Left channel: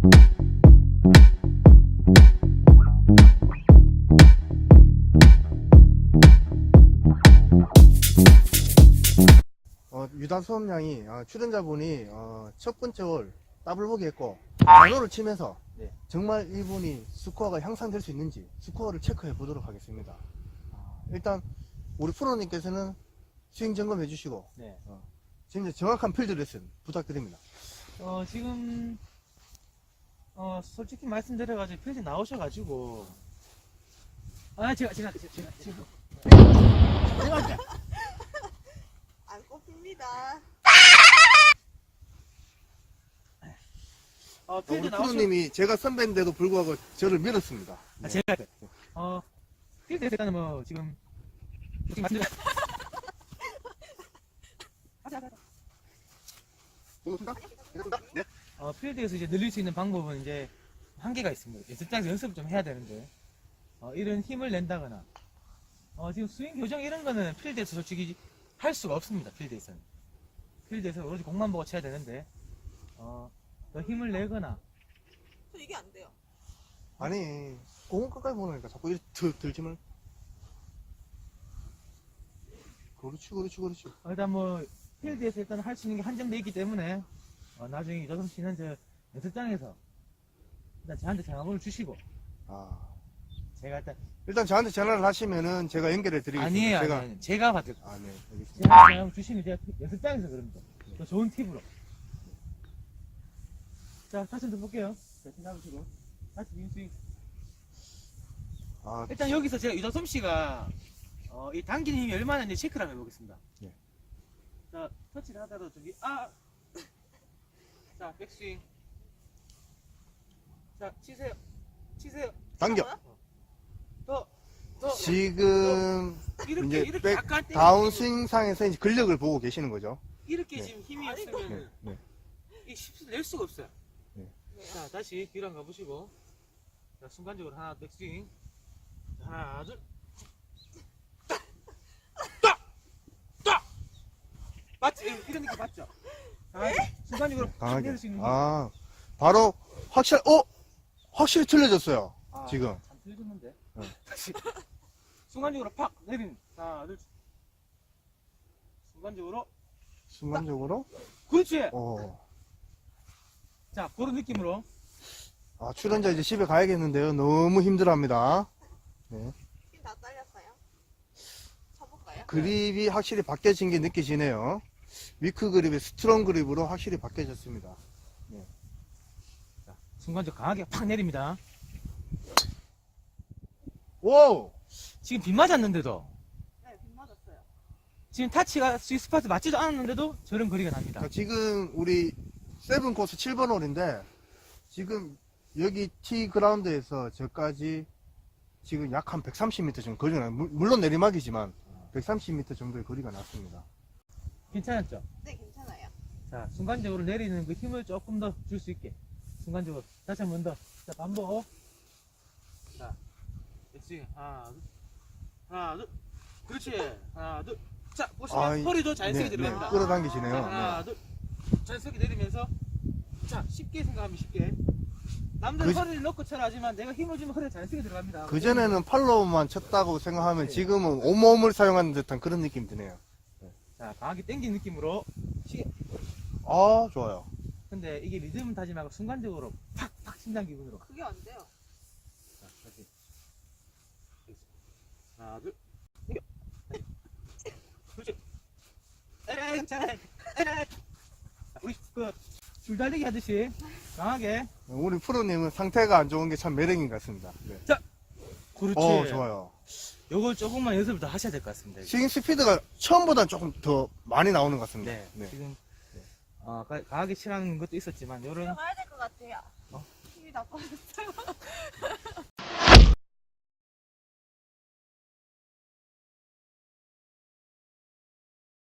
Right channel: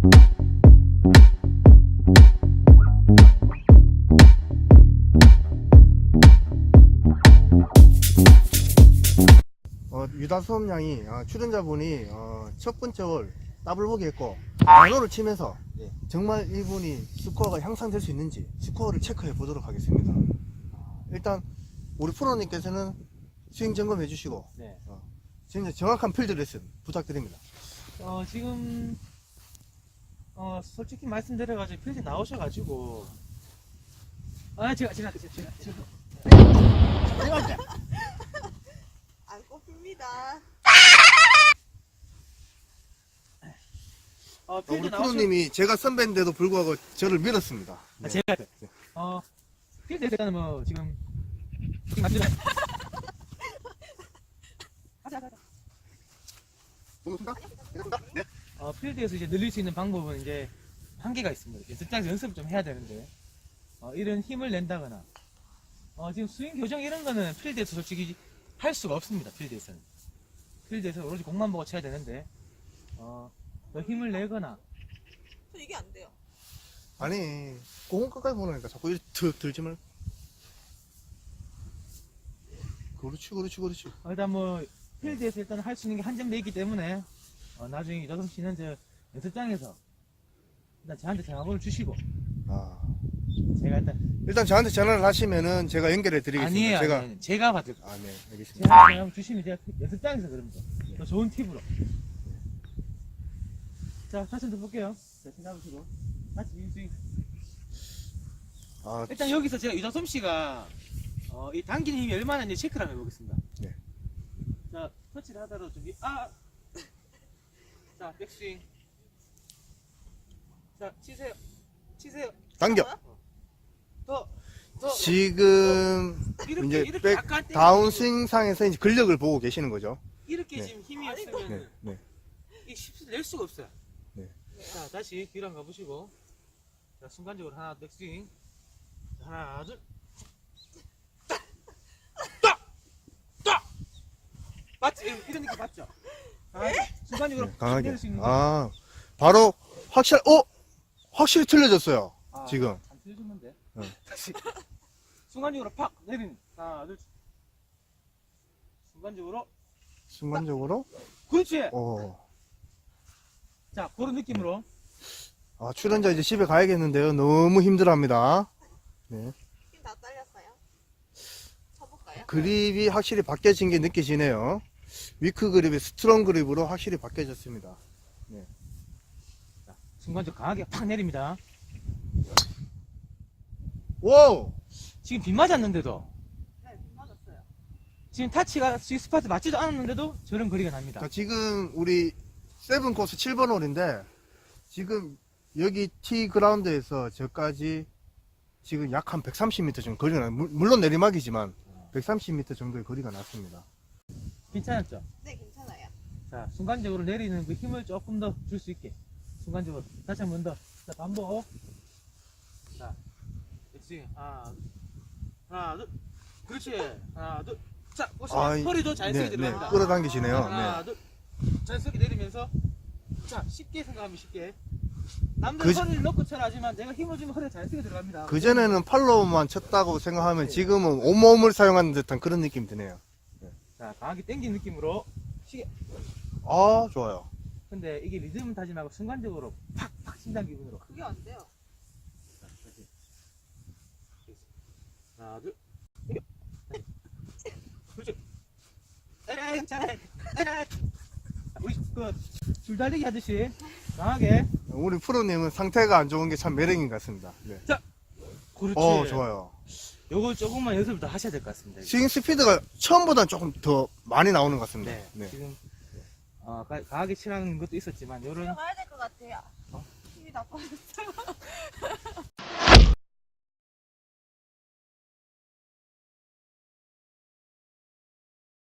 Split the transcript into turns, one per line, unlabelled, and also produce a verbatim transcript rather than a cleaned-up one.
어, 유다 수업량이 어, 출연자분이 어, 첫 번째 홀 더블 보기 했고 번호를 치면서
네.
정말 이분이 스코어가 향상될 수 있는지 스코어를 체크해 보도록 하겠습니다. 일단 우리 프로님께서는 스윙 점검해 주시고
네.
어, 진짜 정확한 필드 레슨 부탁드립니다.
어, 지금, 어, 솔직히 말씀드려가지고 필드 나오셔가지고. 아, 제가, 제가, 제가, 제가. 제가.
안 꼽힙니다.
어,
어,
필드
우리
나오셔.
프로님이 제가 선배인데도 불구하고 저를 밀었습니다.
아, 제가. 어, 필드에서 일단은 뭐, 지금. 솔직히 말씀드려. 가자, 가자.
네.
어, 필드에서 이제 늘릴 수 있는 방법은 이제 한계가 있습니다. 연습장에서 연습을 좀 해야 되는데, 어, 이런 힘을 낸다거나, 어, 지금 스윙 교정 이런 거는 필드에서 솔직히 할 수가 없습니다. 필드에서는. 필드에서 오로지 공만 보고 쳐야 되는데, 어, 더 힘을 내거나,
저 이게 안 돼요.
아니 공은 끝까지 보내니까 자꾸 이렇게 들, 들지 말. 그렇지 그렇지 그렇지.
어, 일단 뭐, 필드에서 일단 할 수 있는 게 한정돼 있기 때문에, 어, 나중에 여성 씨는 저 연습장에서 일단 저한테 전화번호 주시고,
아,
제가 일단,
일단 저한테 전화를 하시면은 제가 연결해 드리겠습니다.
아니에요,
제가
아니에요. 제가 받을 거예요.
아, 네, 알겠습니다.
제가 전화 주시면 제가 연습장에서 그럽니다. 더 좋은 팁으로. 자, 다시 한번 볼게요. 자, 잡으시고. 다시 인스윙.
아,
일단 여기서 제가 유다솜 씨가, 어, 이 당기는 힘이 얼마나 있는지 체크를 한번 해보겠습니다.
네.
자, 터치를 하더라도 저기, 아! 자, 백스윙. 자, 치세요. 치세요.
당겨.
더, 더.
지금
이렇게,
이제
이렇게
백
약간 때리고
다운스윙상에서 이제 근력을 보고 계시는 거죠.
이렇게
네.
지금 힘이
아니,
없으면
네, 네.
이 십수 낼 수가 없어요.
네.
자, 다시 뒤로 한번 가보시고. 자, 순간적으로 하나, 백스윙. 자, 하나, 둘. 딱! 딱! 딱! 맞지? 이런 느낌 맞죠? 아, 순간적으로
강하게.
내릴 수 있는 거.
아, 바로 확실, 어? 확실히 틀려졌어요.
아,
지금.
안 틀려줬는데.
네.
다시. 순간적으로 팍! 내리는. 하나, 둘. 순간적으로.
순간적으로.
그렇지!
어.
자, 그런 느낌으로.
아, 출연자 이제 집에 가야겠는데요. 너무 힘들어합니다. 네.
힘 다 딸렸어요. 쳐볼까요?
그립이 확실히 바뀌어진 게 느껴지네요. 위크 그립이 스트롱 그립으로 확실히 바뀌어졌습니다.
순간적으로 강하게 팍 내립니다.
오!
지금 빗 맞았는데도.
네, 빗 맞았어요.
지금 타치가 스위스 스파트 맞지도 않았는데도 저런 거리가 납니다.
자, 지금 우리 세븐 코스 칠 번 홀인데 지금 여기 티 그라운드에서 저까지 지금 약 한 백삼십 미터 정도 거리가 나, 물- 물론 내리막이지만 백삼십 미터 정도의 거리가 났습니다.
괜찮았죠?
네, 괜찮아요.
자, 순간적으로 내리는 그 힘을 조금 더 줄 수 있게. 순간적으로. 다시 한 번 더. 자, 반복. 자, 백스윙. 하나, 둘. 하나, 둘. 그렇지. 하나, 둘. 자, 보시면
아, 이-
허리도 자연스럽게
네,
내려갑니다.
네, 끌어당기시네요.
하나,
네.
둘. 자연스럽게 내리면서. 자, 쉽게 생각하면 쉽게. 남들
그-
허리를 넣고 쳐라 하지만 내가 힘을 주면 허리가 자연스럽게 들어갑니다.
그전에는 팔로우만 쳤다고 생각하면
네.
지금은 온몸을 사용하는 듯한 그런 느낌이 드네요.
자, 강하게 당긴 느낌으로. 시계.
아, 좋아요.
근데 이게 리듬 타지 말고 순간적으로 팍팍 심장 기분으로.
그게 안 돼요.
자, 다시. 하나, 둘. 당겨. 그렇지. 에이, 잘해. 에이. 우리 그 줄달리기 하듯이 강하게.
우리 프로님은 상태가 안 좋은 게 참 매력인 것 같습니다. 네.
그렇지.
어, 좋아요.
요걸 조금만 연습을 더 하셔야 될 것 같습니다.
스윙 스피드가 처음보다 조금 더 많이 나오는 것 같습니다.
네.
네.
지금 어, 가- 강하게 치라는 것도 있었지만 요런
들어가야 될 것 같아요. 힘이 다 빠졌어요.